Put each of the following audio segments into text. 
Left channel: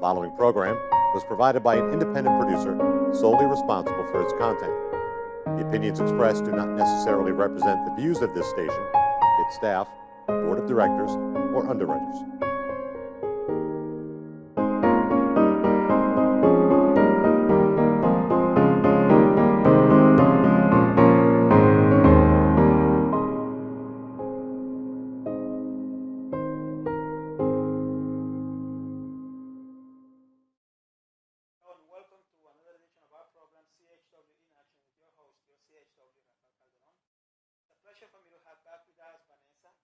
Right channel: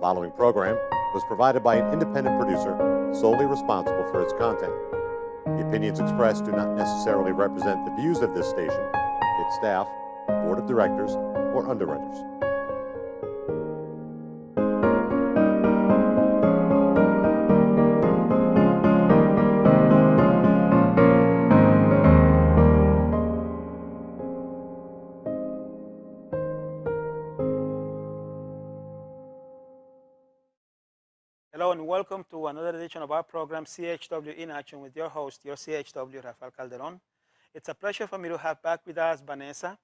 following program was provided by an independent producer solely responsible for its content. The opinions expressed do not necessarily represent the views of this station, its staff, board of directors, or underwriters. Hello and welcome to another edition of our program, CHW in Action, with your host, your CHW, Rafael Calderon. It's a pleasure for me to have back with us Vanessa.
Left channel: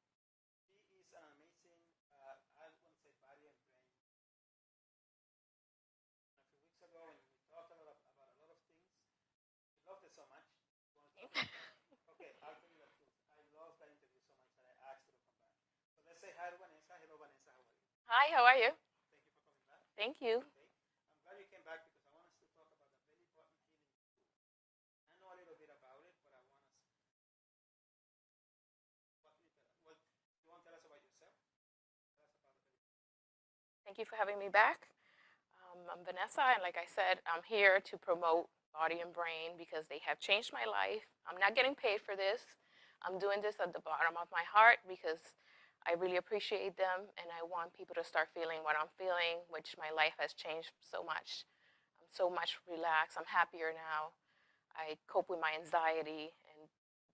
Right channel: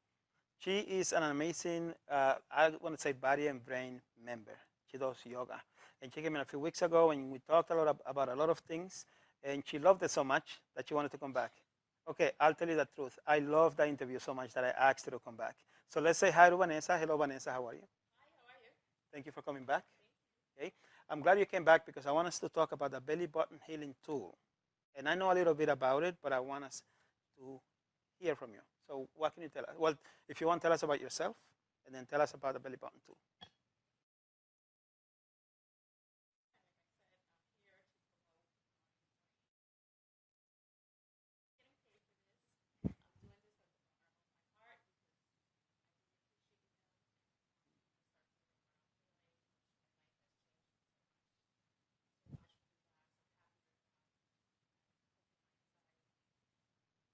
She is an amazing, I want to say, body and brain member. She does yoga. And she came in a few weeks ago and we talked a lot about a lot of things. And she loved it so much that she wanted to come back. Okay, I'll tell you the truth. I loved the interview so much that I asked her to come back. So let's say hi to Vanessa. Hello, Vanessa. How are you? Hi, how are you? Thank you for coming back. Thank you. Okay. I'm glad you came back because I want us to talk about the belly button healing tool. And I know a little bit about it, but I want us to hear from you. So what can you tell us? Well, if you want, tell us about yourself, and then tell us about the belly button tool. Thank you for having me back. I'm Vanessa, and like I said, I'm here to promote body and brain because they have changed my life. I'm not getting paid for this. I'm doing this at the bottom of my heart because I really appreciate them, and I want people to start feeling what I'm feeling, which my life has changed so much. I'm so much relaxed. I'm happier now. I cope with my anxiety, and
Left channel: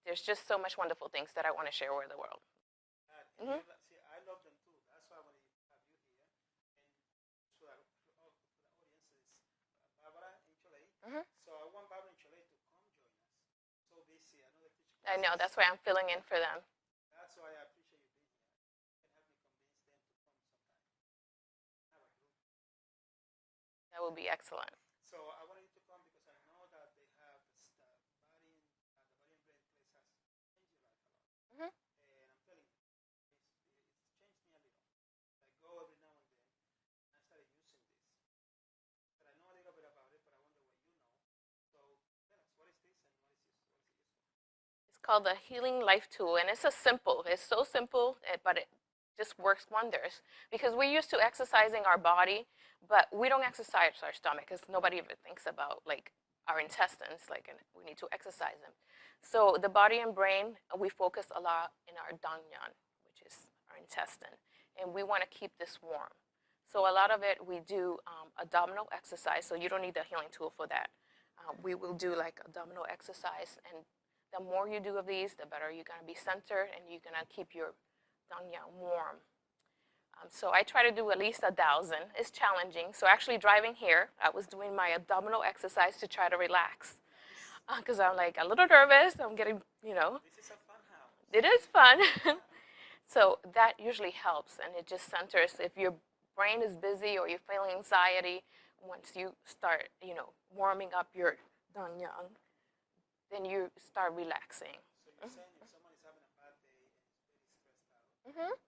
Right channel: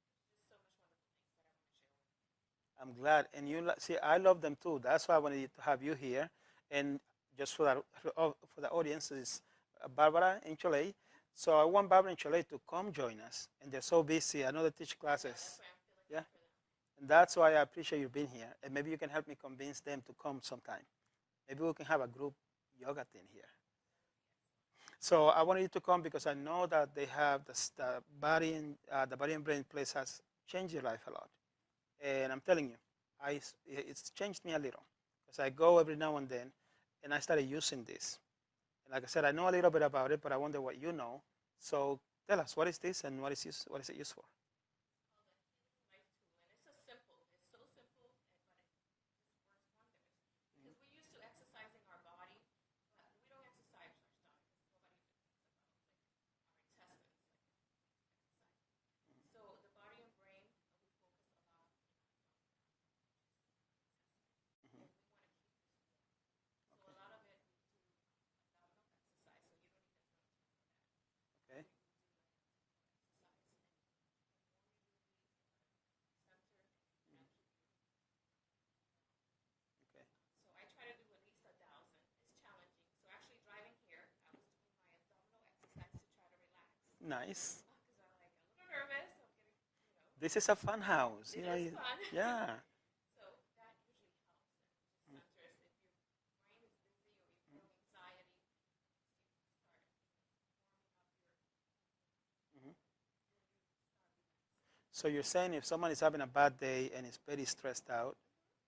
there's just so much wonderful things that I want to share with the world. I'm glad. And you see, I love them too. That's why I wanted to have you here. And just for the audience, is Barbara in Chile. So I want Barbara in Chile to come join us. And they're so busy. I know they teach classes. I know, that's why I'm filling in for them. And that's why I appreciate you being here. And maybe you can help me convince them to come sometime. Maybe we can have a group yoga thing here. That would be excellent. So I wanted you to come because I know that they have the body and brain place has changed your life a lot. And I'm telling you, it's changed me a little because I go every now and then, and I started using this. And like I said, I know a little bit about it, but I wonder what you know. So tell us, what is this and what is it used for? It's called the Healing Life Tool, and it's so simple, but it just works wonders because we're used to exercising our body, but we don't exercise our stomach because nobody ever thinks about like our intestines, like we need to exercise them. So the body and brain, we focus a lot in our danyan, which is our intestine, and we want to keep this warm. So a lot of it, we do abdominal exercise, so you don't need the healing tool for that. We will do like abdominal exercise, and the more you do of these, the better you're going to be centered, and you're going to keep your danyan warm. So I try to do at least 1,000. It's challenging. So actually driving here, I was doing my abdominal exercise to try to relax. Nice. Because I'm like a little nervous. I'm getting, This is a fun house. It is fun. Yeah. So that usually helps, and it just centers. If your brain is busy or you're feeling anxiety, once you start, warming up your danyan, then you start relaxing. So you're saying if someone is having a bad day and is very stressed out,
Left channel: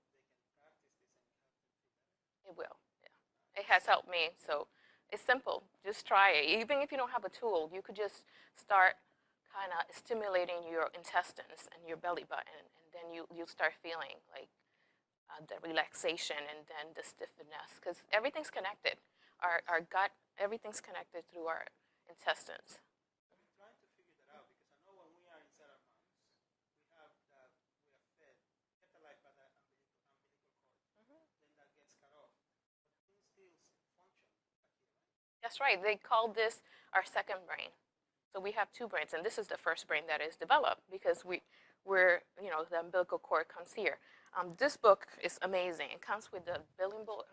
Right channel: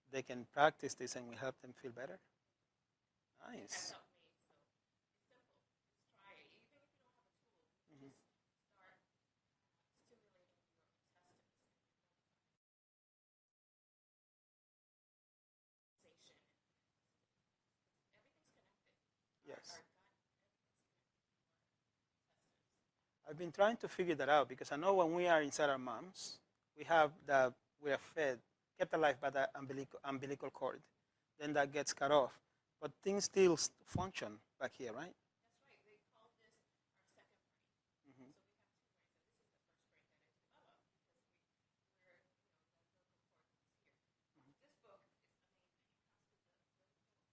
they can practice this and will help them feel better? It will, yeah. Nice. It has helped me. So it's simple. Just try it. Even if you don't have a tool, you could just start kind of stimulating your intestines and your belly button, and then you'll start feeling like the relaxation and then the stiffness, because everything's connected. Our gut, everything's connected through our intestines. I've been trying to figure that out because I know when we are inside our moms, we are fed, kept alive by the umbilical cord. Then that gets cut off. But things still function back here, right? That's right. They call this our second brain. So we have two brains, and this is the first brain that is developed because we're the umbilical cord comes here. This book is amazing. It comes with the billion book,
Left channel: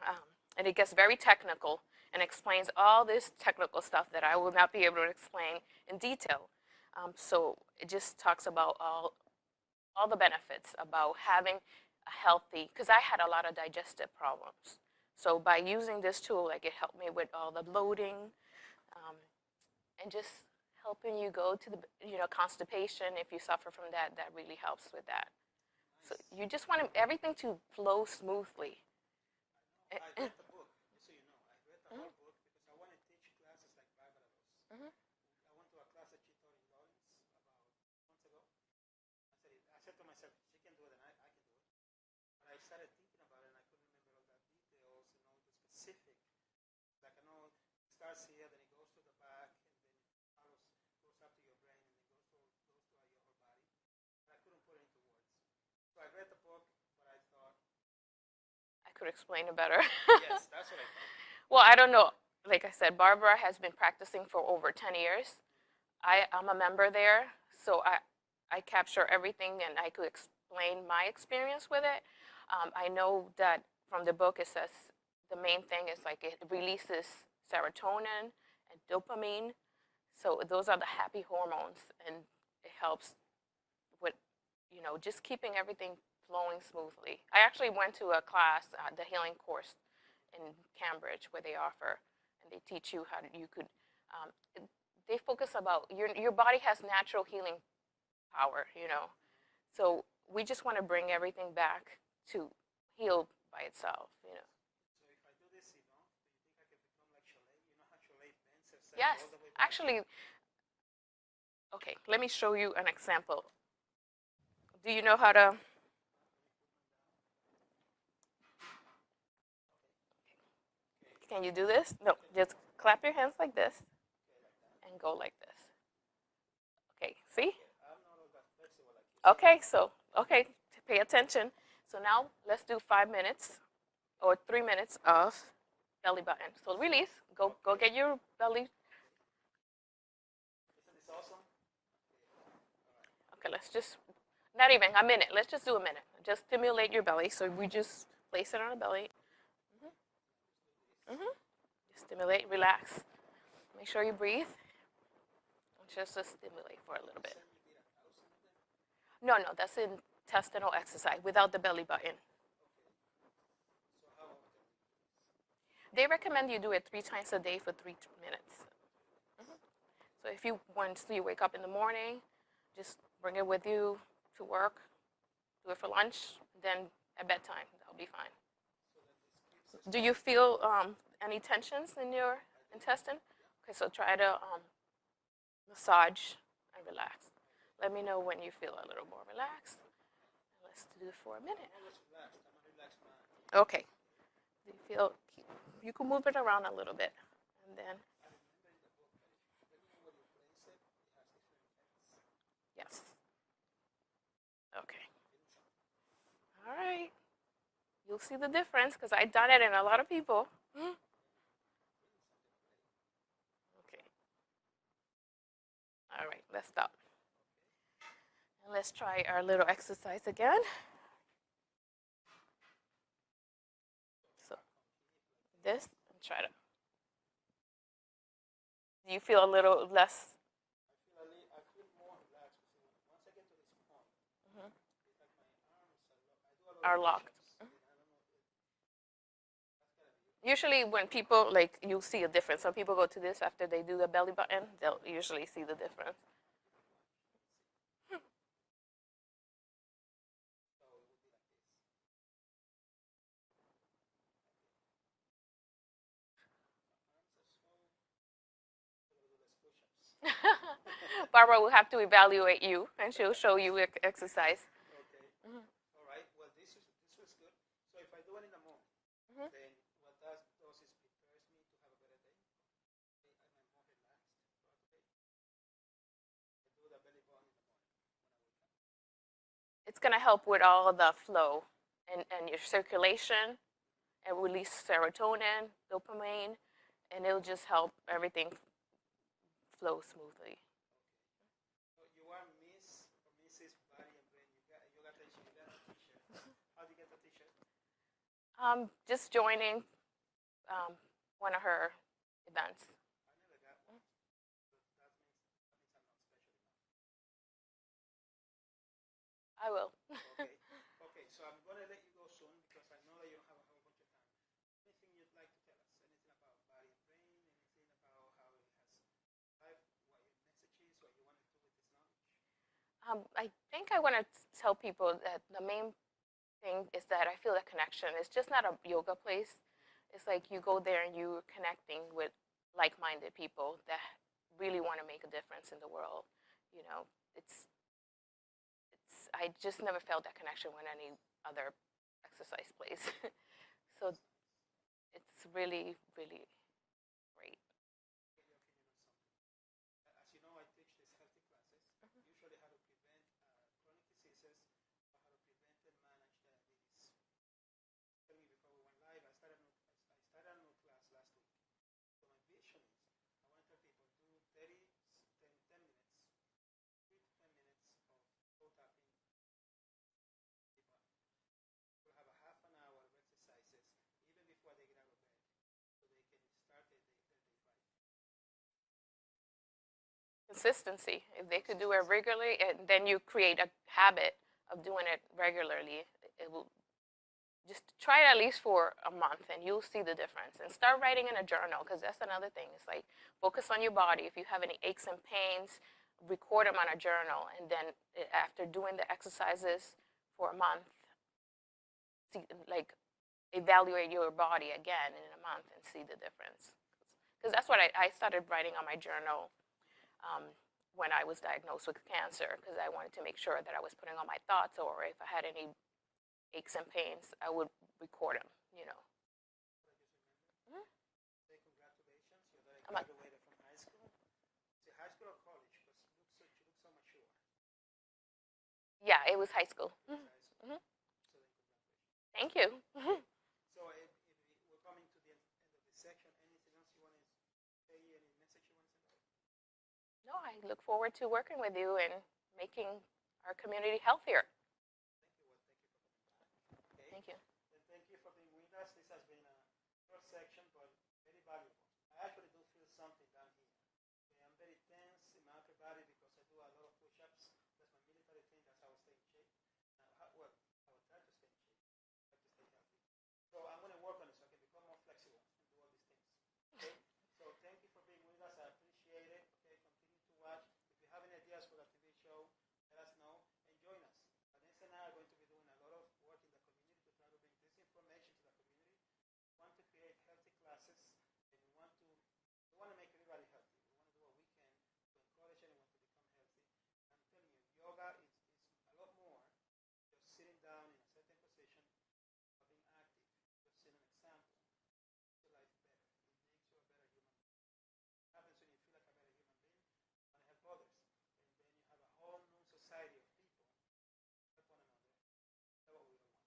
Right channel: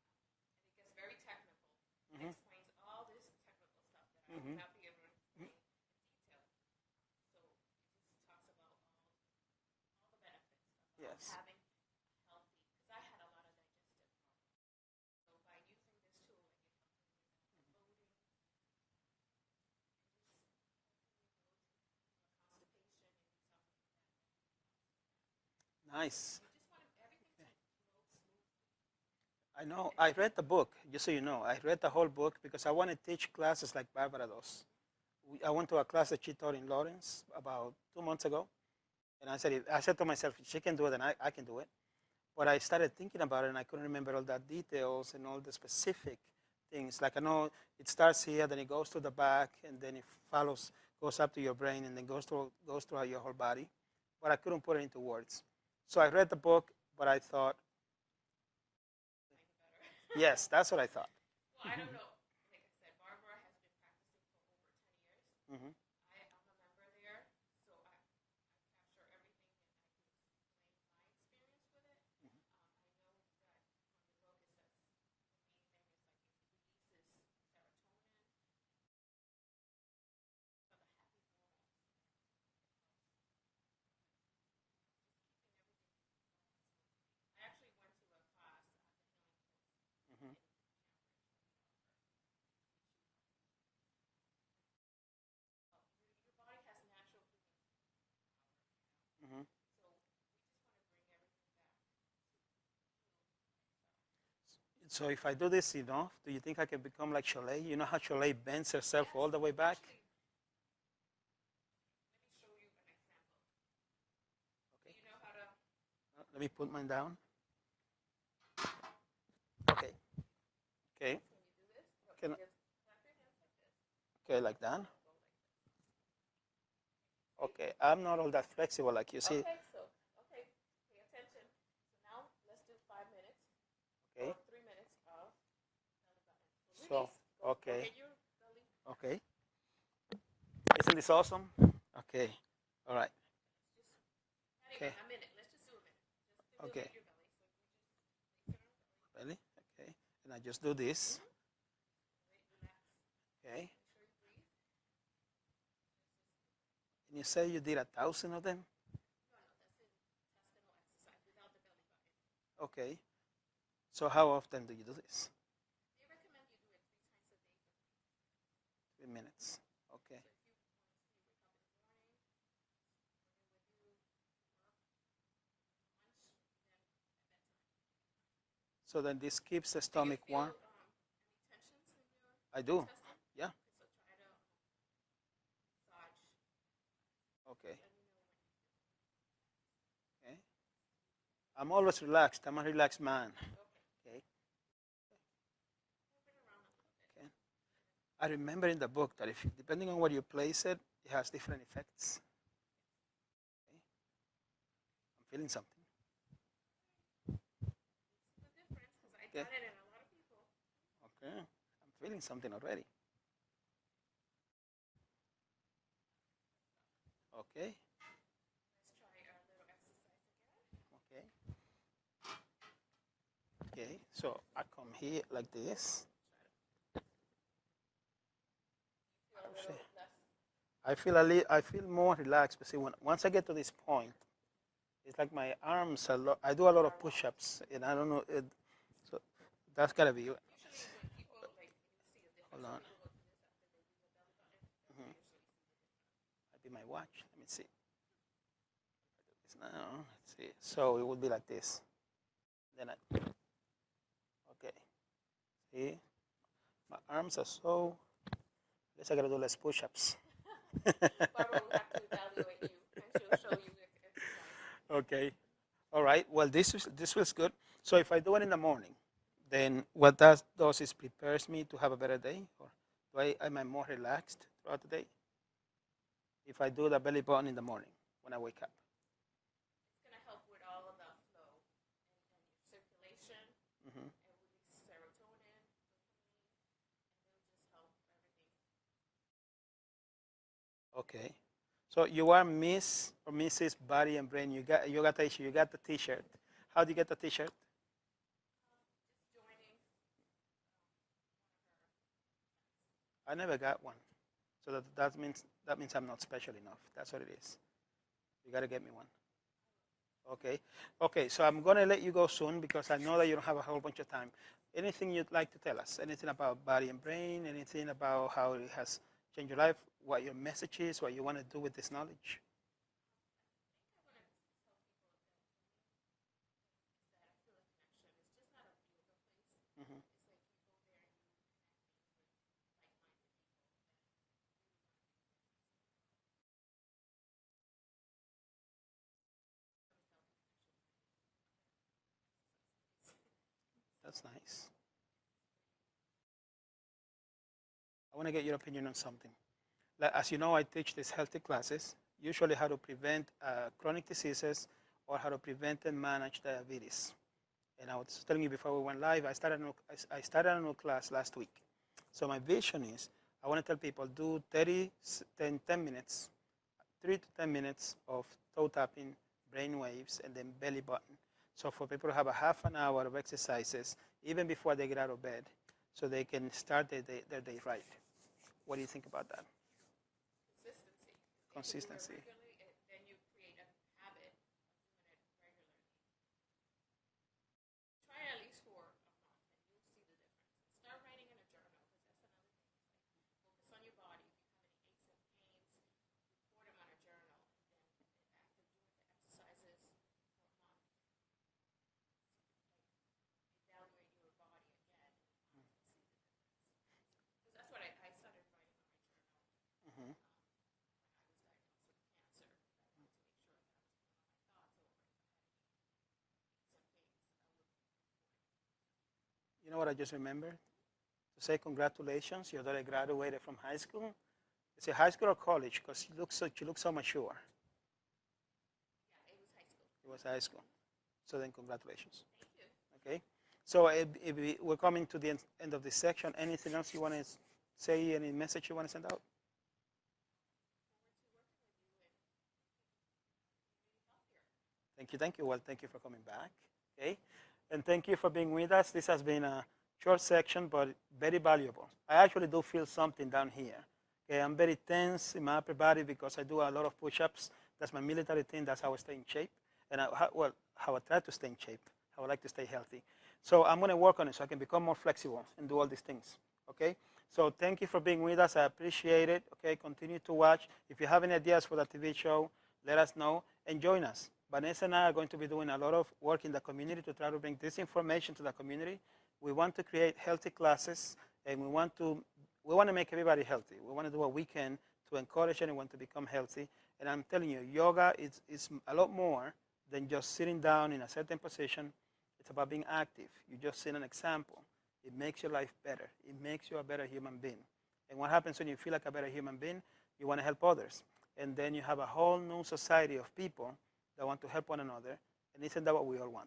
and it gets very technical and explains all this technical stuff that I will not be able to explain in detail. So it just talks about all the benefits about having a healthy, because I had a lot of digestive problems. So by using this tool, like it helped me with all the bloating, and just helping you go to the constipation. If you suffer from that, that really helps with that. Nice. So you just want everything to flow smoothly. I know. I read the book, just so you know. I read the whole book because I want to teach classes like Barbara does. I went to a class that she taught in Lawrence about 2 months ago. And I said to myself, if she can do it, then I can do it. But I started thinking about it, and I couldn't remember all the details and all the specific things. Like I know it starts here, then it goes to the back, and then it goes up to your brain, and then goes throughout your whole body. But I couldn't put it into words. So I read the book, but I thought, I could explain it better. yes, that's what I thought. Well, I don't know. Like I said, Barbara has been practicing for over 10 years. Mm-hmm. I'm a member there, so I capture everything and I could explain my experience with it. I know that from the book it says the main thing is like it releases serotonin and dopamine. So those are the happy hormones, and it helps with, just keeping everything flowing smoothly. I actually went to a class, the healing course in Cambridge, where they offer, and they teach you how you could. They focus about your body has natural healing power, Mm-hmm. So we just want to bring everything back to heal by itself, So if I do this enough, do you think I can become like Cholet? You know how Cholet bends herself Yes, all the way back? actually, okay, let me show you an example. Do you know how to? Let me put mine down. Okay. Okay. Can you do this? No, just clap your hands like this. Okay, like that. And go like this. Okay, see? Okay, I'm not all that flexible like you see. Okay, pay attention. So now let's do 5 minutes or 3 minutes of belly button. So release. Go get your belly. Okay. Isn't this awesome? Okay. All right. Okay, let's just, not even a minute. Let's just do a minute. Just stimulate your belly. So we just place it on the belly. Belly. Okay. And I just do this. Just stimulate, relax. Okay. Make sure you breathe. Just to stimulate for a little bit. You say you did 1,000 of them? No, that's intestinal exercise without the belly button. Okay. So how often do you do this? They recommend you do it 3 times a day for 3 minutes. 3 minutes. Okay. So if once you wake up in the morning, just bring it with you to work, do it for lunch, then at bedtime, that'll be fine. So then this keeps the Do stomach you feel warm? any tensions in your intestine? Yeah. Okay, so try to massage and relax. Okay. Let me know when you feel a little more relaxed. Okay. Let's do it for a minute. I'm always relaxed. I'm a relaxed man. Okay. Do you feel? You can move it around a little bit, and then. I remember in the book that depending on where you place it, it has different effects. Yes. Okay. I'm feeling something. All right. You'll see the difference because I've done it in a lot of people. Okay. I'm feeling something already. Okay. All right. Let's stop. Okay. And let's try our little exercise again. Okay. So I come here like this. And try to. Do you feel a little less? I feel more relaxed. But see, once I get to this point, it's like my arms I do a lot of push-ups, and I don't know. So that's gotta be. Usually, when people you'll see a difference. Some people go to this after they do the belly button. They'll usually see the difference. I do my watch. Let me see. Now, let's see. So it would be like this. Then okay. See, my arms are so. I guess I gotta do less push-ups. Barbara will have to evaluate you, and she'll show you exercise. Okay. All right. Well, this feels good. So if I do it in the morning, then what that does is prepares me to have a better day, or am I more relaxed throughout the day? If I do the belly button in the morning when I wake up, it's gonna help with all the flow and your circulation, and release serotonin, dopamine, and it'll just help everything flow smoothly. Okay. So you are Miss or Mrs. Body and Brain. You got the issue. You got the T-shirt. How do you get the T-shirt? Just joining one of her events. I never got one, so that means I'm not special enough. That's what it is. You gotta get me one. I will. Okay. Okay. So I'm gonna let you go soon because I know that you don't have a whole bunch of time. Anything you'd like to tell us? Anything about Body and Brain? Anything about how it has changed your life? What your message is? What you want to do with this knowledge? I think I want to tell people that the main thing is that I feel a connection. It's just not a yoga place. It's like you go there and you're connecting with like-minded people that really want to make a difference in the world. I just never felt that connection with any other exercise place. So that's nice. It's really, really I want to get your opinion on something. Like, as you know, I teach these healthy classes, usually how to prevent chronic diseases or how to prevent and manage diabetes. And I was telling you before we went live, I started a new class last week. So my vision is, I want to tell people, do 10 minutes, 3 to 10 minutes of toe tapping, brain waves, and then belly button. So for people to have a half an hour of exercises, even before they get out of bed, so they can start their day right. What do you think about that? Consistency. If they could do it regularly, and then you create a habit of doing it regularly, it will just try it at least for a month and you'll see the difference. And start writing in a journal, because that's another thing. It's like, focus on your body. If you have any aches and pains, record them on a journal. And then after doing the exercises for a month, see, like, evaluate your body again in a month and see the difference. Because that's what I started writing on my journal when I was diagnosed with cancer, because I wanted to make sure that I was putting all my thoughts, or if I had any aches and pains, I would record them, you know. You know what I just remembered? To say congratulations, your daughter graduated from high school. Is it high school or college? Because you look so mature. Yeah, it was high school. It was high school. So then congratulations. Thank you. Okay. So we're coming to the end of this section. Anything else you want to say, any message you want to send out? No, I look forward to working with you and making our community healthier. Thank you. Well, thank you for coming back. Okay? Thank you. And thank you for being with us. This has been a short section, but very valuable. I actually do feel something down here. Okay? I'm very tense in my upper body because I do a lot of push-ups. That's my military thing. That's how I stay in shape. And how I try to stay in shape. How I like to stay healthy. So I'm going to work on it so I can become more flexible and do all these things. Okay? So thank you for being with us. I appreciate it. Okay? Continue to watch. If you have any ideas for the TV show, let us know and join us. Vanessa and I are going to be doing a lot of work in the community to try to bring this information to the community. We want to create healthy classes, and we want to make everybody healthy. We want to do what we can to encourage anyone to become healthy. And I'm telling you, yoga is a lot more than just sitting down in a certain position. It's about being active. You just set an example. It makes your life better. It makes you a better human being. And what happens when you feel like a better human being? You want to help others. And then you have a whole new society of people that want to help one another. And isn't that what we all want?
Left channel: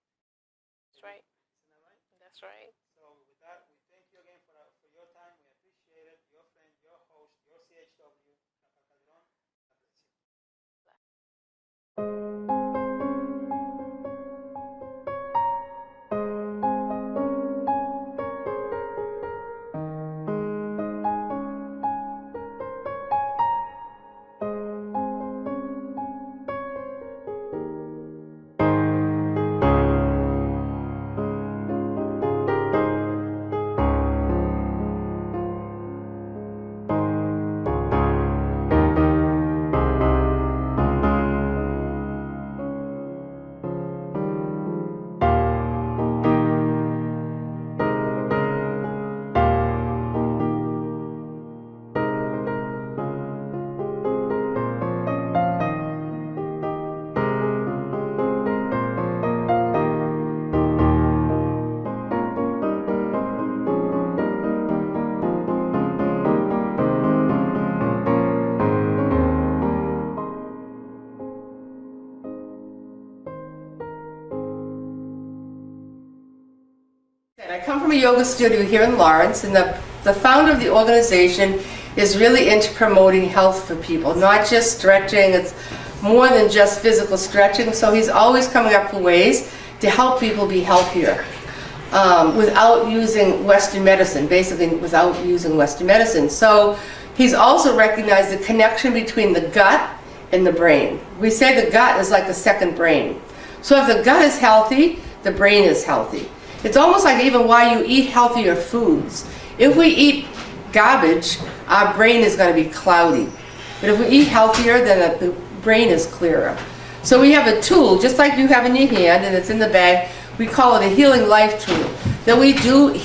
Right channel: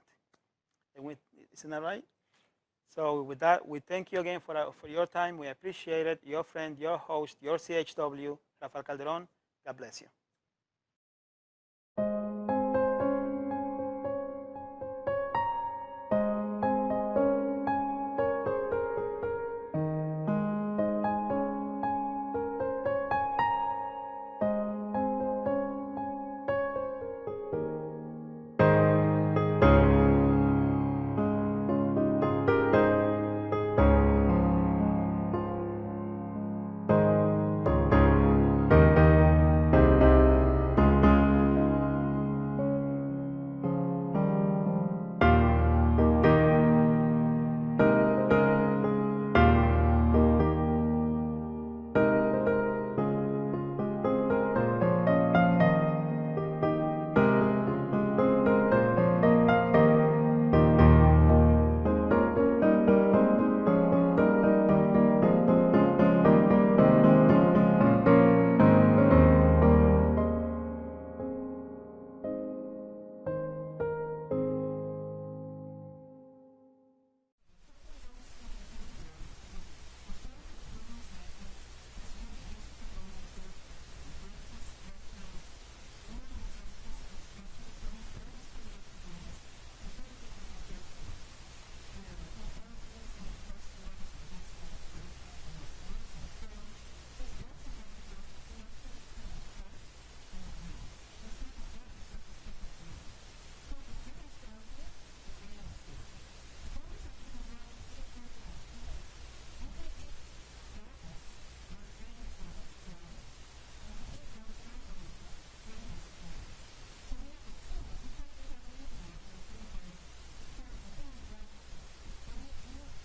That's right. Isn't that right? That's right. So with that, we thank you again for your time. We appreciate it. Your friend, your host, your CHW, Rafael Calderon. God bless you. I come from a yoga studio here in Lawrence, and the founder of the organization is really into promoting health for people, not just stretching. It's more than just physical stretching, so he's always coming up with ways to help people be healthier without using Western medicine, basically without using Western medicine. So he's also recognized the connection between the gut and the brain. We say the gut is like the second brain. So if the gut is healthy, the brain is healthy. It's almost like even why you eat healthier foods. If we eat garbage, our brain is going to be cloudy. But if we eat healthier, then the brain is clearer. So we have a tool, just like you have in your hand, and it's in the bag. We call it a Healing Life tool. Then we do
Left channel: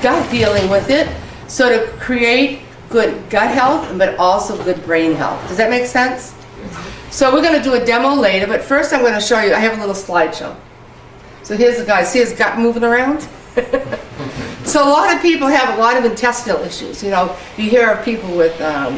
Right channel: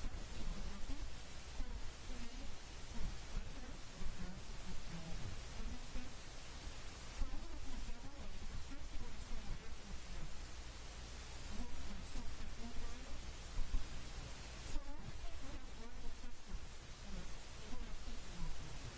gut healing with it, so to create good gut health, but also good brain health. Does that make sense? So we're going to do a demo later, but first I'm going to show you, I have a little slideshow. So here's the guy, see his gut moving around? So a lot of people have a lot of intestinal issues. You know, you hear of people with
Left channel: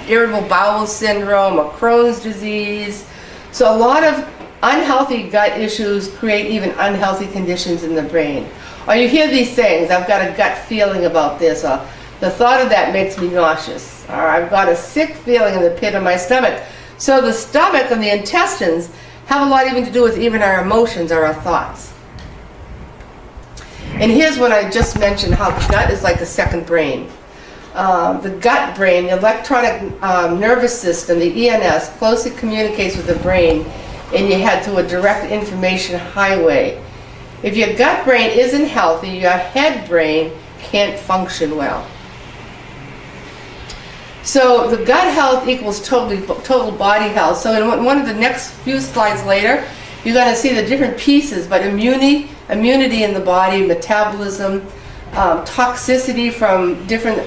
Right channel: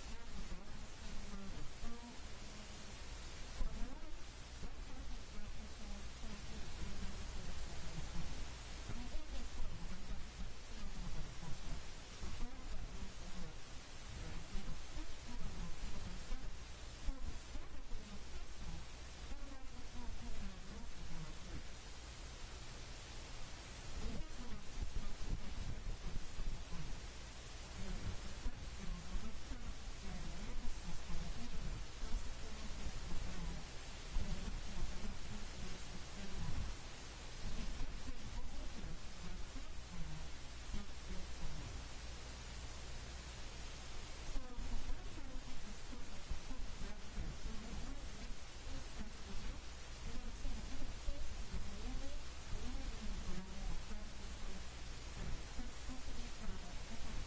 irritable bowel syndrome or Crohn's disease. So a lot of unhealthy gut issues create even unhealthy conditions in the brain. Or you hear these things, I've got a gut feeling about this, or the thought of that makes me nauseous, or I've got a sick feeling in the pit of my stomach. So the stomach and the intestines have a lot even to do with even our emotions or our thoughts. And here's what I just mentioned, how the gut is like a second brain. The gut brain, the electronic nervous system, the ENS, closely communicates with the brain, and you head to a direct information highway. If your gut brain isn't healthy, your head brain can't function well. So the gut health equals total body health. So in one of the next few slides later, you're going to see the different pieces, but immunity in the body, metabolism, toxicity from different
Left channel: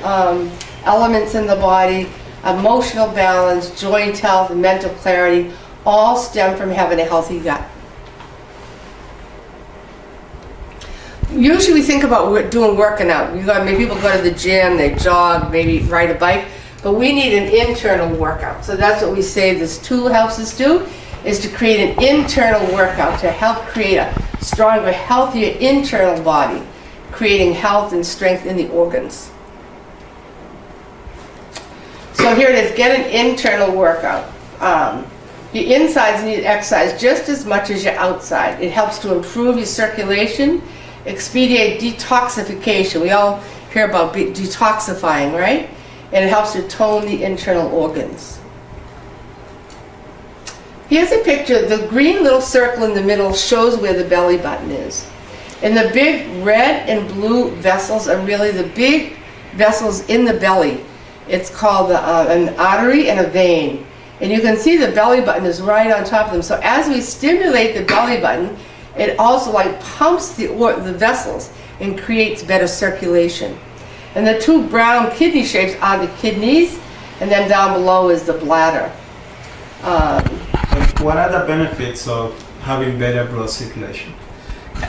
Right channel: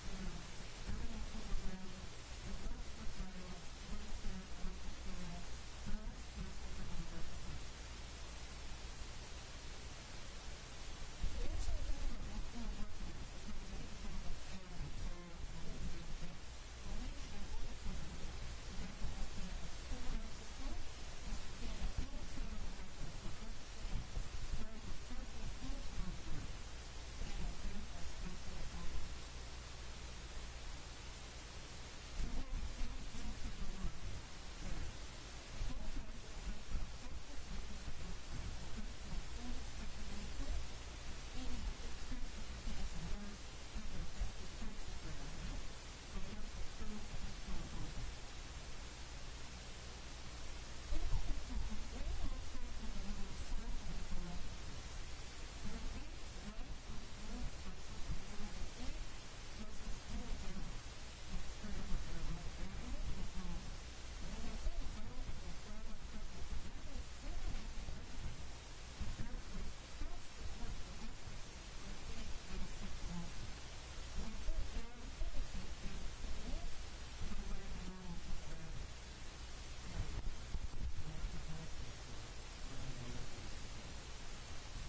elements in the body, emotional balance, joint health, and mental clarity, all stem from having a healthy gut. Usually we think about working out. Maybe people go to the gym, they jog, maybe ride a bike, but we need an internal workout. So that's what we say this tool helps us do, is to create an internal workout to help create a stronger, healthier internal body, creating health and strength in the organs. So here it is, get an internal workout. Your insides need exercise just as much as your outside. It helps to improve your circulation, expedite detoxification. We all hear about detoxifying, right? And it helps to tone the internal organs. Here's a picture. The green little circle in the middle shows where the belly button is. And the big red and blue vessels are really the big vessels in the belly. It's called an artery and a vein. And you can see the belly button is right on top of them. So as we stimulate the belly button, it also like pumps the vessels and creates better circulation. And the two brown kidney shapes are the kidneys, and then down below is the bladder. What are the benefits of having better blood circulation?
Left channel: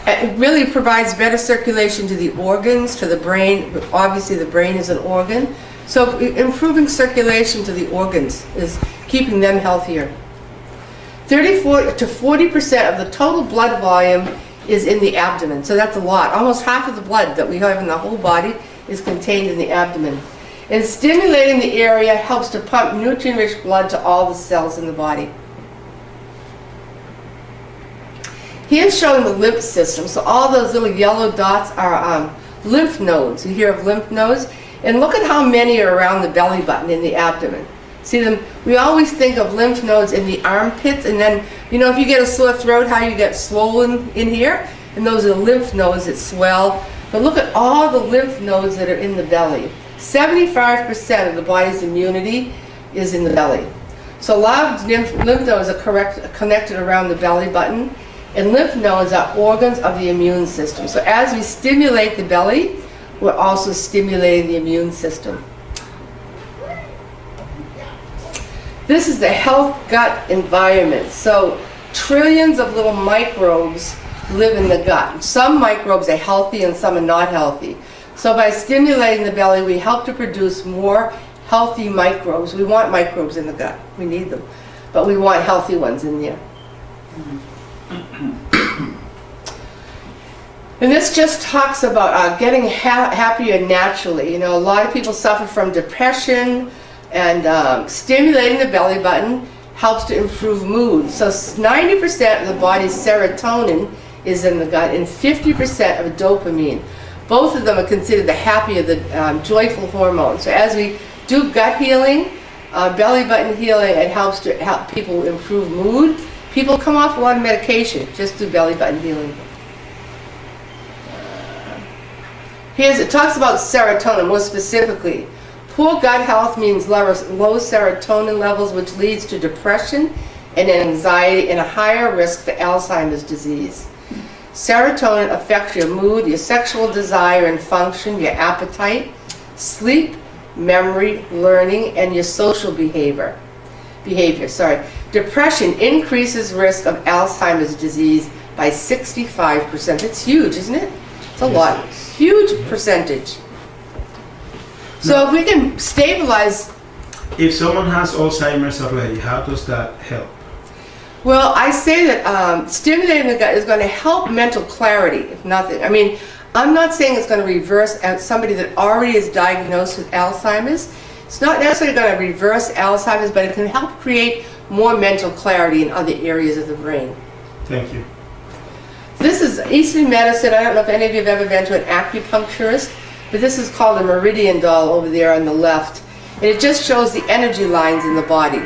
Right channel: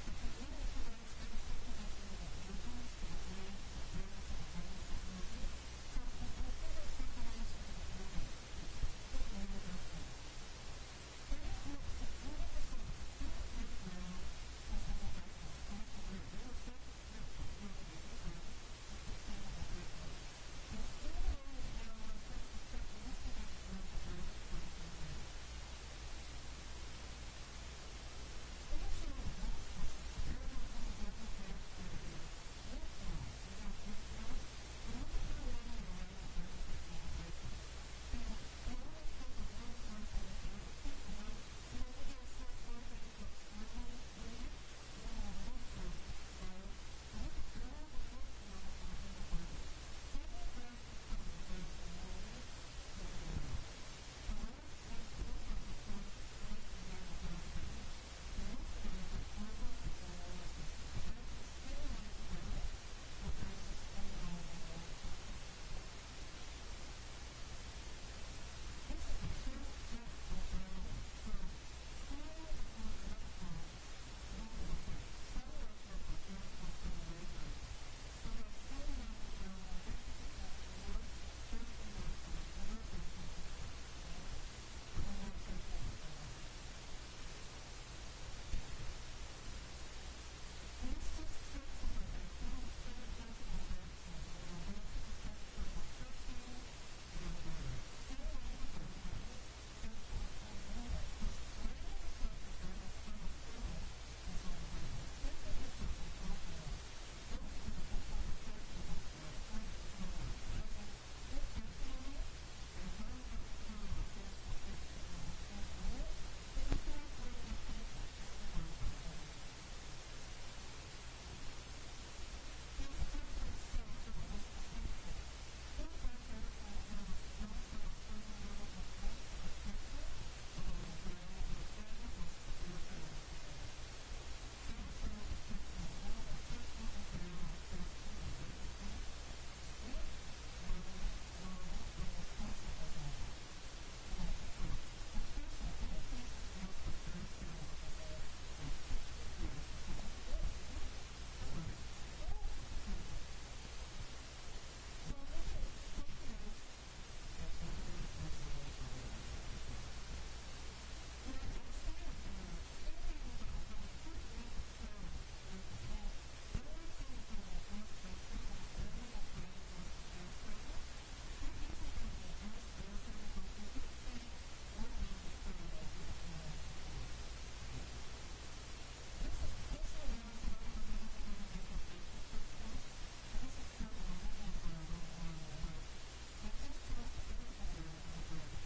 It really provides better circulation to the organs, to the brain. Obviously the brain is an organ. So improving circulation to the organs is keeping them healthier. 34 to 40% of the total blood volume is in the abdomen. So that's a lot. Almost half of the blood that we have in the whole body is contained in the abdomen. And stimulating the area helps to pump nutrient-rich blood to all the cells in the body. Here's showing the lymph system. So all those little yellow dots are lymph nodes. You hear of lymph nodes? And look at how many are around the belly button in the abdomen. See them? We always think of lymph nodes in the armpits, and then, you know, if you get a sore throat, how you get swollen in here? And those are lymph nodes that swell. But look at all the lymph nodes that are in the belly. 75% of the body's immunity is in the belly. So a lot of lymph nodes are connected around the belly button, and lymph nodes are organs of the immune system. So as we stimulate the belly, we're also stimulating the immune system. This is the health gut environment. So trillions of little microbes live in the gut. Some microbes are healthy and some are not healthy. So by stimulating the belly, we help to produce more healthy microbes. We want microbes in the gut. We need them. But we want healthy ones in there. And this just talks about getting happier naturally. You know, a lot of people suffer from depression, and stimulating the belly button helps to improve mood. So 90% of the body's serotonin is in the gut, and 50% of dopamine. Both of them are considered the happier, the joyful hormones. So as we do gut healing, belly button healing, it helps to help people improve mood. People come off a lot of medication just through belly button healing. It talks about serotonin more specifically. Poor gut health means low serotonin levels, which leads to depression and anxiety and a higher risk for Alzheimer's disease. Serotonin affects your mood, your sexual desire and function, your appetite, sleep, memory, learning, and your social behavior. Depression increases risk of Alzheimer's disease by 65%. It's huge, isn't it? It's a lot. Huge percentage. So if we can stabilize. If someone has Alzheimer's already, how does that help? Well, I say that stimulating the gut is going to help mental clarity, if nothing. I mean, I'm not saying it's going to reverse somebody that already is diagnosed with Alzheimer's. It's not necessarily going to reverse Alzheimer's, but it can help create more mental clarity in other areas of the brain. Thank you. This is Eastern medicine. I don't know if any of you have ever been to an acupuncturist, but this is called a meridian doll over there on the left. And it just shows the energy lines in the body.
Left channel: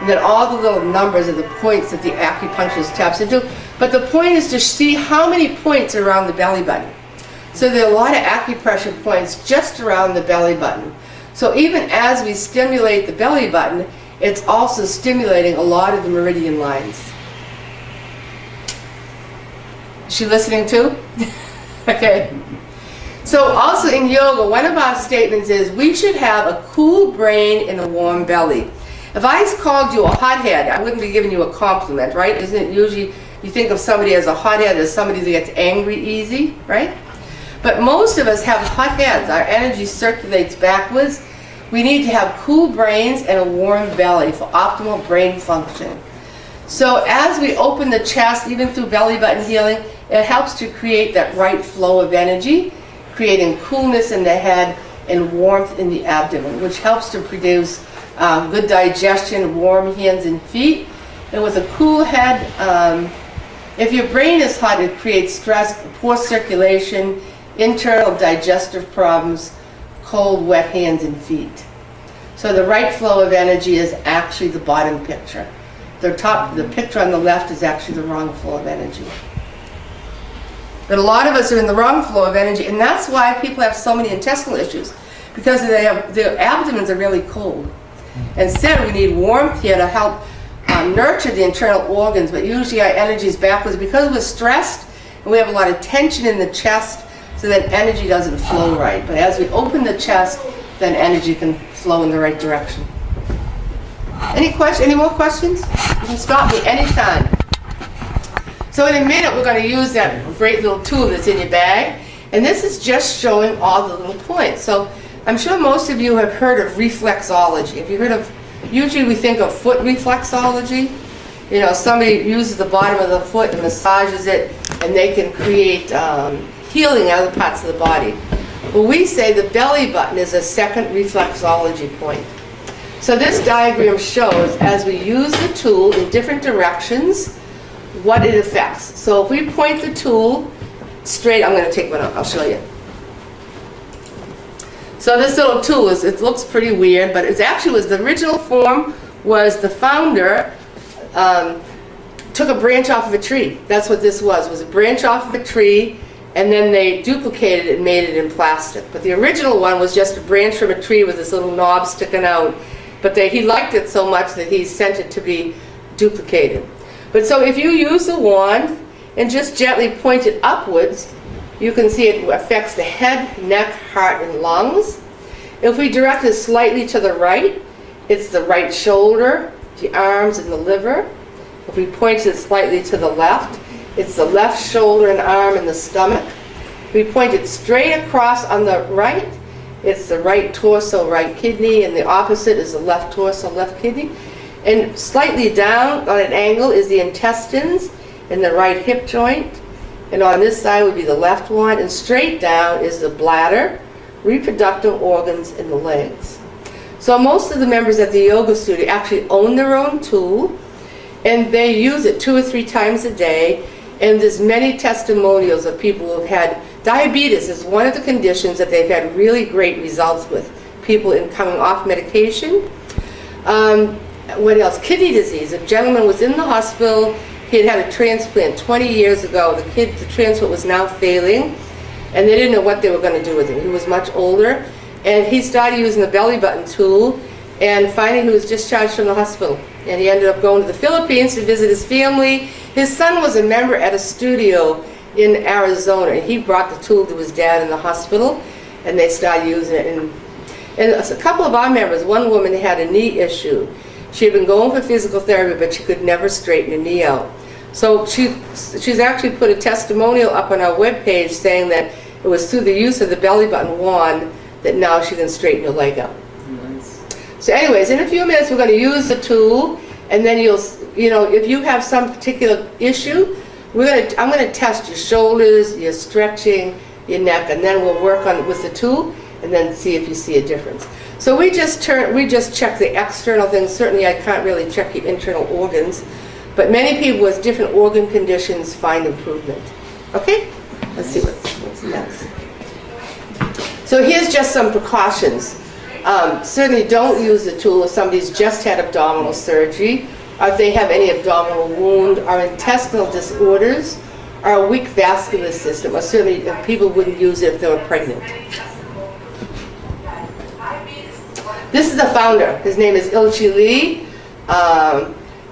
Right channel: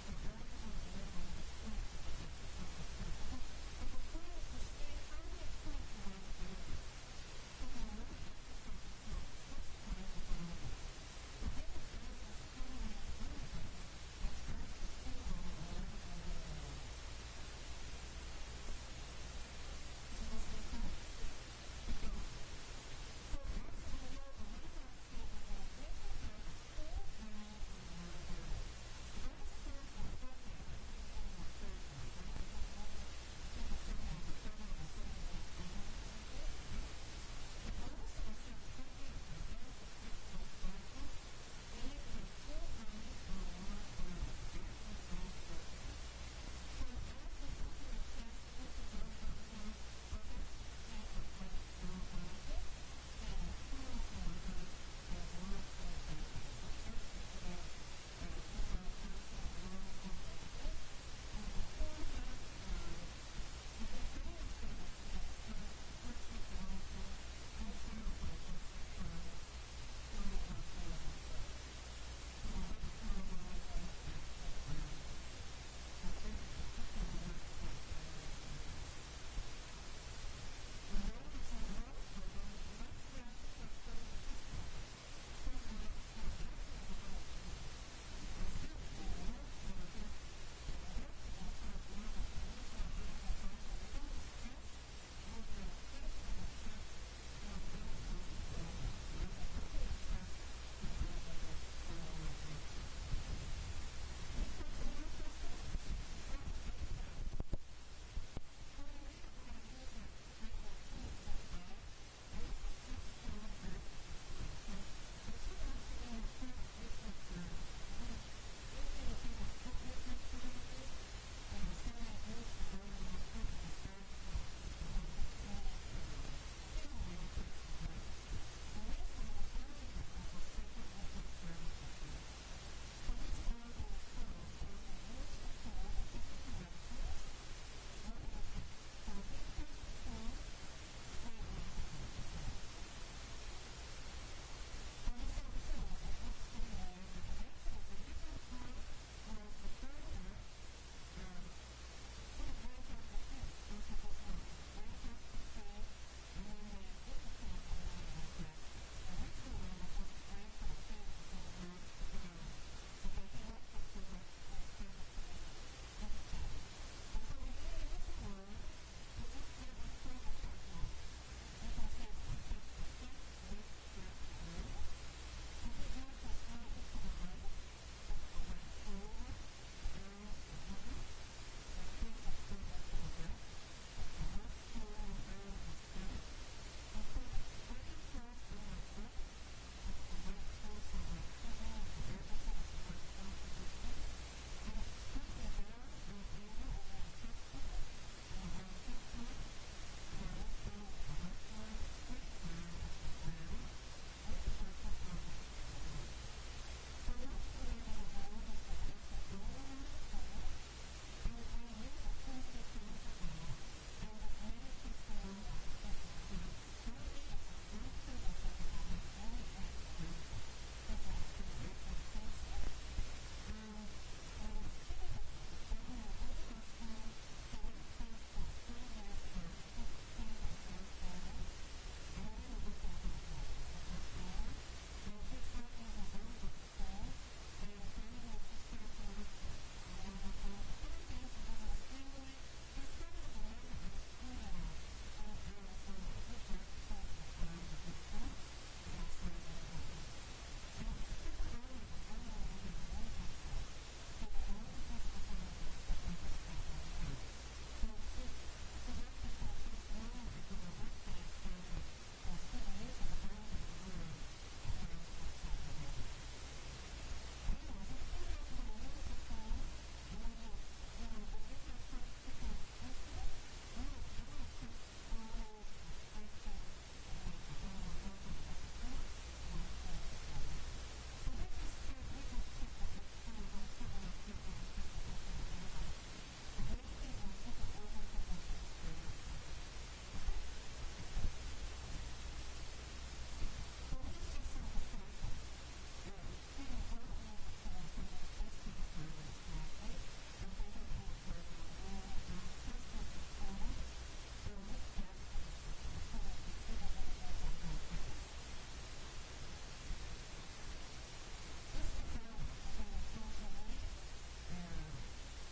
And then all the little numbers are the points that the acupuncturist taps into. But the point is to see how many points are around the belly button. So there are a lot of acupressure points just around the belly button. So even as we stimulate the belly button, it's also stimulating a lot of the meridian lines. Is she listening too? Okay. So also in yoga, one of our statements is we should have a cool brain and a warm belly. If I called you a hothead, I wouldn't be giving you a compliment, right? Isn't it usually you think of somebody as a hothead as somebody that gets angry easy, right? But most of us have hot heads. Our energy circulates backwards. We need to have cool brains and a warm belly for optimal brain function. So as we open the chest, even through belly button healing, it helps to create that right flow of energy, creating coolness in the head and warmth in the abdomen, which helps to produce good digestion, warm hands and feet. And with a cool head, if your brain is hot, it creates stress, poor circulation, internal digestive problems, cold, wet hands and feet. So the right flow of energy is actually the bottom picture. The picture on the left is actually the wrong flow of energy. But a lot of us are in the wrong flow of energy, and that's why people have so many intestinal issues, because their abdomens are really cold. Instead, we need warmth here to help nurture the internal organs, but usually our energy is backwards because we're stressed and we have a lot of tension in the chest, so that energy doesn't flow right. But as we open the chest, then energy can flow in the right direction. Any more questions? You can stop me anytime. So in a minute, we're going to use that great little tool that's in your bag. And this is just showing all the little points. So I'm sure most of you have heard of reflexology. Have you heard of, usually we think of foot reflexology. You know, somebody uses the bottom of the foot and massages it, and they can create healing in other parts of the body. Well, we say the belly button is a second reflexology point. So this diagram shows, as we use the tool in different directions, what it affects. So if we point the tool straight, I'm going to take one out, I'll show you. So this little tool, it looks pretty weird, but it actually was, the original form was the founder took a branch off of a tree. That's what this was a branch off of a tree, and then they duplicated it and made it in plastic. But the original one was just a branch from a tree with this little knob sticking out. But he liked it so much that he sent it to be duplicated. But so if you use the wand and just gently point it upwards, you can see it affects the head, neck, heart, and lungs. If we direct it slightly to the right, it's the right shoulder, the arms, and the liver. If we point it slightly to the left, it's the left shoulder and arm and the stomach. If we point it straight across on the right, it's the right torso, right kidney, and the opposite is the left torso, left kidney. And slightly down on an angle is the intestines and the right hip joint. And on this side would be the left one, and straight down is the bladder, reproductive organs, and the legs. So most of the members at the yoga studio actually own their own tool, and they use it 2 or 3 times a day. And there's many testimonials of people who have had diabetes is one of the conditions that they've had really great results with, people in coming off medication. What else? Kidney disease. A gentleman was in the hospital. He had had a transplant 20 years ago. The transplant was now failing, and they didn't know what they were going to do with him. He was much older, and he started using the belly button tool, and finally he was discharged from the hospital. And he ended up going to the Philippines to visit his family. His son was a member at a studio in Arizona, and he brought the tool to his dad in the hospital, and they started using it. And a couple of our members, one woman had a knee issue. She had been going for physical therapy, but she could never straighten her knee out. So she's actually put a testimonial up on our webpage saying that it was through the use of the belly button wand that now she can straighten her leg out. So anyways, in a few minutes we're going to use the tool, and then if you have some particular issue, I'm going to test your shoulders, your stretching, your neck, and then we'll work on it with the tool, and then see if you see a difference. So we just check the external things. Certainly I can't really check your internal organs, but many people with different organ conditions find improvement. Okay? Let's see what's next. So here's just some precautions. Certainly don't use the tool if somebody's just had abdominal surgery, or if they have any abdominal wound, or intestinal disorders, or a weak vascular system, or certainly people wouldn't use it if they were pregnant. This is the founder. His name is Ilchi Lee.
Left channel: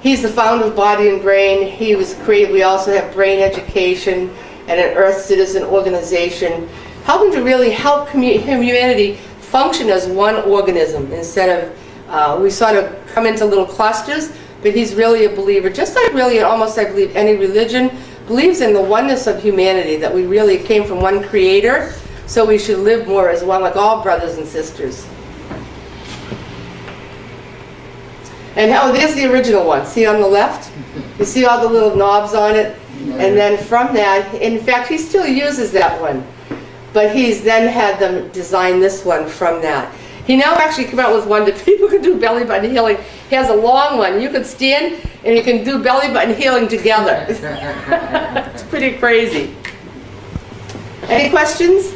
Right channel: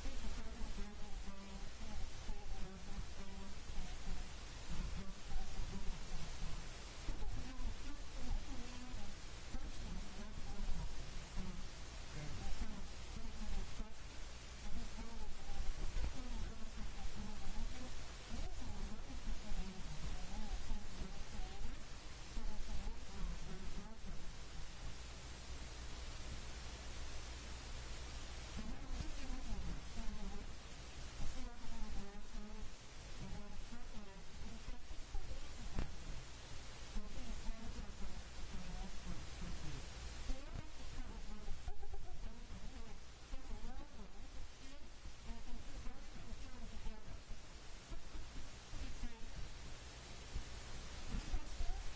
He's the founder of Body and Brain. He was created. We also have Brain Education and an Earth Citizen organization, helping to really help humanity function as one organism instead of, we sort of come into little clusters, but he's really a believer, just like really almost I believe any religion, believes in the oneness of humanity, that we really came from one creator, so we should live more as one, like all brothers and sisters. And there's the original one. See on the left? You see all the little knobs on it? And then from that, in fact, he still uses that one. But he's then had them design this one from that. He now actually came out with one that people can do belly button healing. He has a long one. You can stand and you can do belly button healing together. It's pretty crazy. Any questions?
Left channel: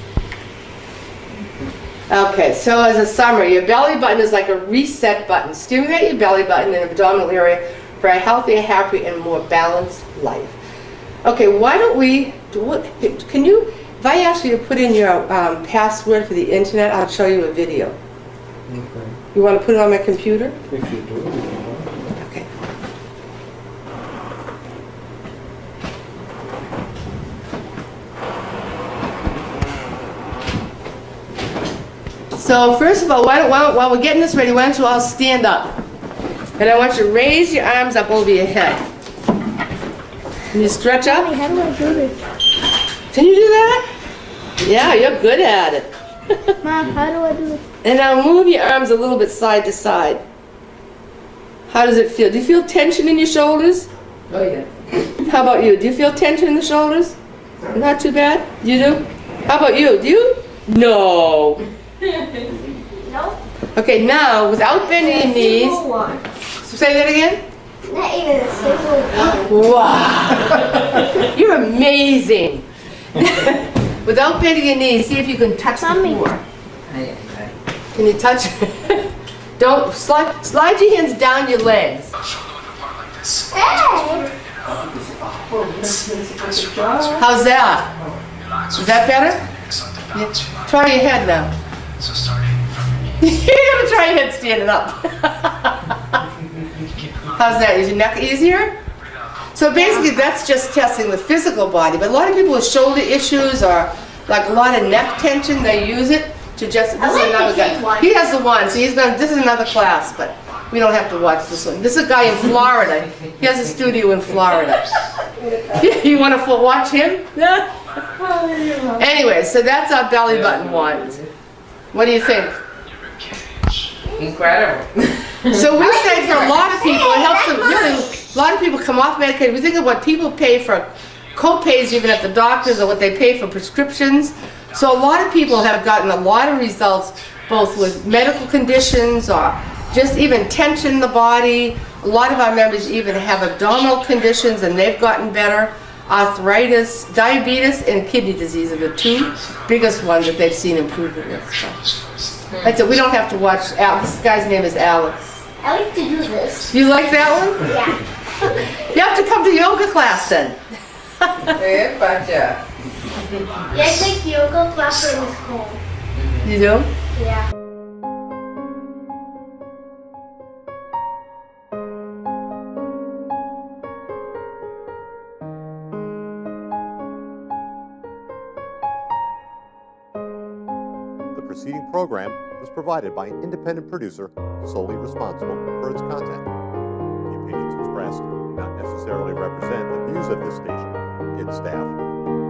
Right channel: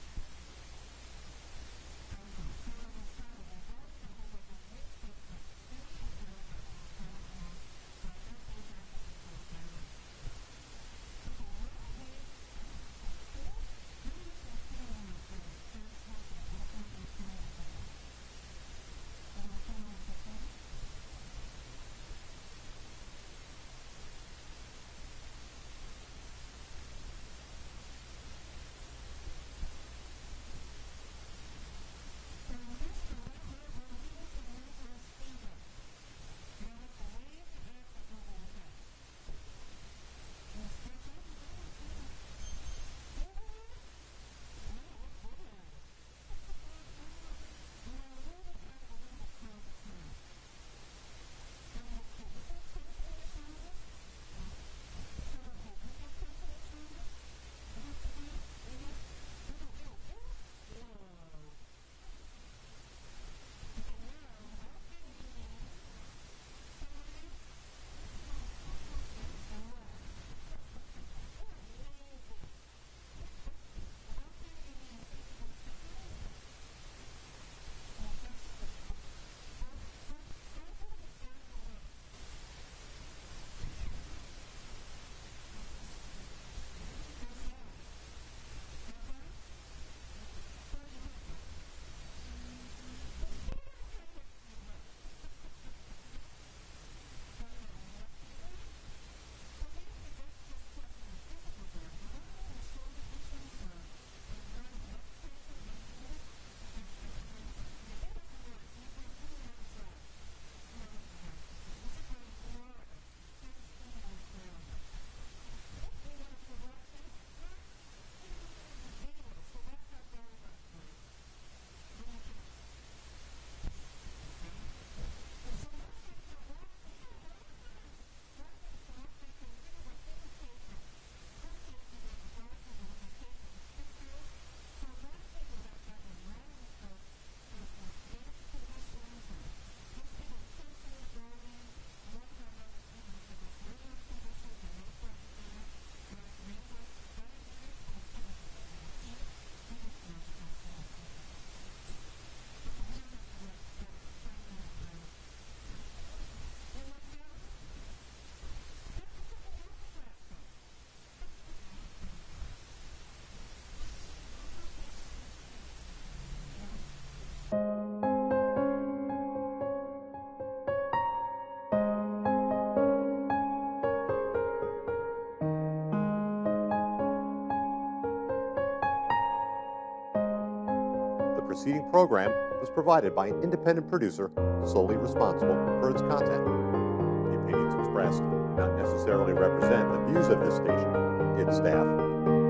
Okay, so as a summary, your belly button is like a reset button. Stimulate your belly button and abdominal area for a healthier, happier, and more balanced life. Okay, why don't we, can you, if I ask you to put in your password for the internet, I'll show you a video. Okay. You want to put it on my computer? If you do, if you want. Okay. So first of all, while we're getting this ready, why don't you all stand up? And I want you to raise your arms up over your head. Can you stretch up? Mommy, how do I do this? Can you do that? Yeah, you're good at it. Mom, how do I do this? And now move your arms a little bit side to side. How does it feel? Do you feel tension in your shoulders? Oh, yeah. How about you? Do you feel tension in the shoulders? Not too bad? You do? How about you? Do you? No. No. Okay, now, without bending your knees, Single one. say that again. Not even a single one. Wow. You're amazing. Without bending your knees, see if you can touch the Mommy. floor. Can you touch? Don't slide your hands down your legs. Hey! How's that? Is that better? Yeah. Try your head now. You're gonna try your head standing up. How's that? Is your neck easier? So basically that's just testing the physical body, but a lot of people with shoulder issues or like a lot of neck tension, they use it to just, this is another guy. He has the one, so this is another class, but we don't have to watch this one. This is a guy in Florida. He has a studio in Florida. You want to watch him? Anyway, so that's our belly button one. What do you think? Incredible. So we say for a lot of people, it helps them really, a lot of people come off medication. We think of what people pay for co-pays even at the doctors or what they pay for prescriptions. So a lot of people have gotten a lot of results both with medical conditions or just even tension in the body. A lot of our members even have abdominal conditions and they've gotten better. Arthritis, diabetes, and kidney disease are the two biggest ones that they've seen improvement with. So. That's it. We don't have to watch. This guy's name is Alex. I like to do this. You like that one? Yeah. You have to come to yoga class then. Yeah, gotcha. Yeah, I take yoga class in school. You do? Yeah. The preceding program was provided by an independent producer solely responsible for its content. The opinions expressed do not necessarily represent the views of this station, its staff,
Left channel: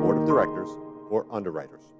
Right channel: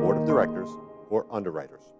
board of directors, or underwriters.